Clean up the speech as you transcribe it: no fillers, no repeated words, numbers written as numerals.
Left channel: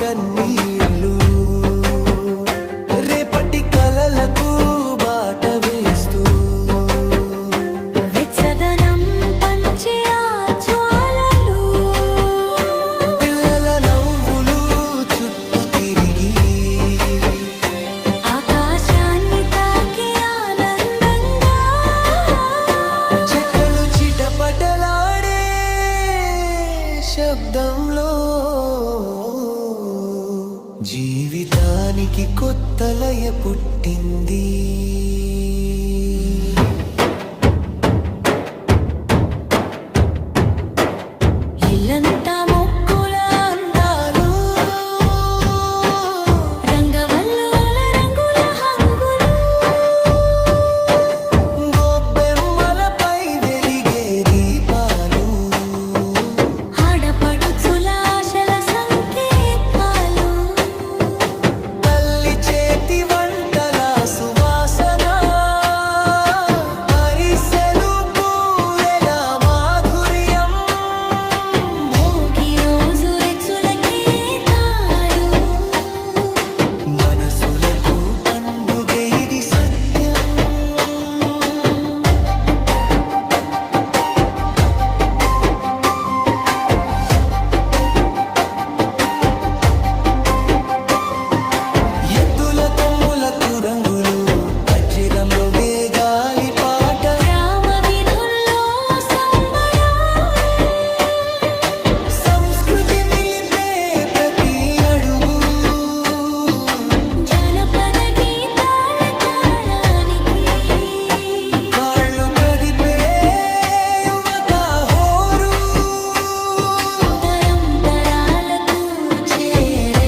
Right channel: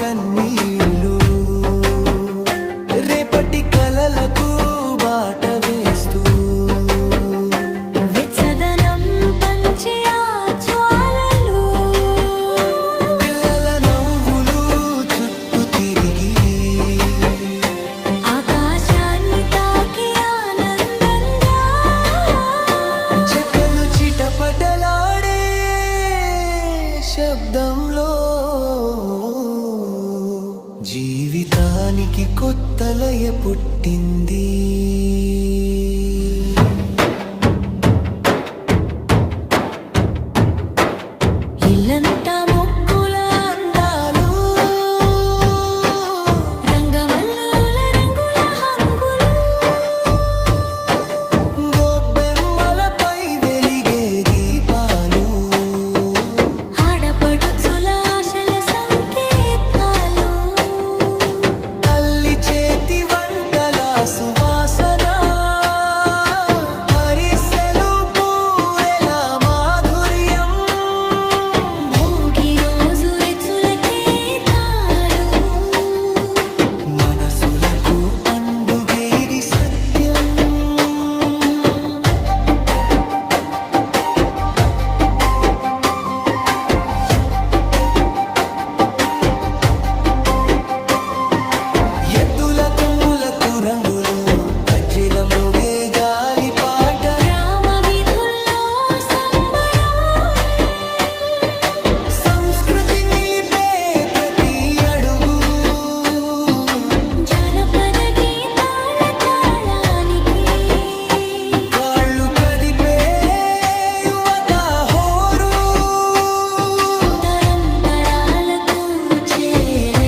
కన్నీళ్ళు రేపటి కలలకు బాట వేస్తూ వెచ్చదనం పంచే ఆ జ్వాలలు పిల్లల నవ్వులు చుట్టూ తిరిగి ఆకాశాన్ని తాకే ఆనందంగా చెక్కలు చిటపటలాడే శబ్దంలో జీవితానికి కొత్త లయ పుట్టింది. ఇల్లంతా మొక్కుల అందాలు రంగవల్లుల రంగుల హంగులు గొబ్బెమ్మలపై వెలిగే దీపాలు ఆడపడుచుల ఆశల సంకేతాలు తల్లి చేతి వంటల సువాసన అరిసెలు బూరెల మాధుర్యం భోగి రోజు రెచ్చులకే తాడు మనసులకు పండుగే ఇది సత్యం. ఎద్దుల కొమ్ములకు రంగులు గజ్జెలం రోగే గాలి పాట గ్రామ వీధుల్లో సంబరం సంస్కృతి నిలిపే ప్రతి అడుగు జానపద గీతాల తాళానికి కాళ్ళు కదిపే యువత హోరు తరం తరాలకు చేరు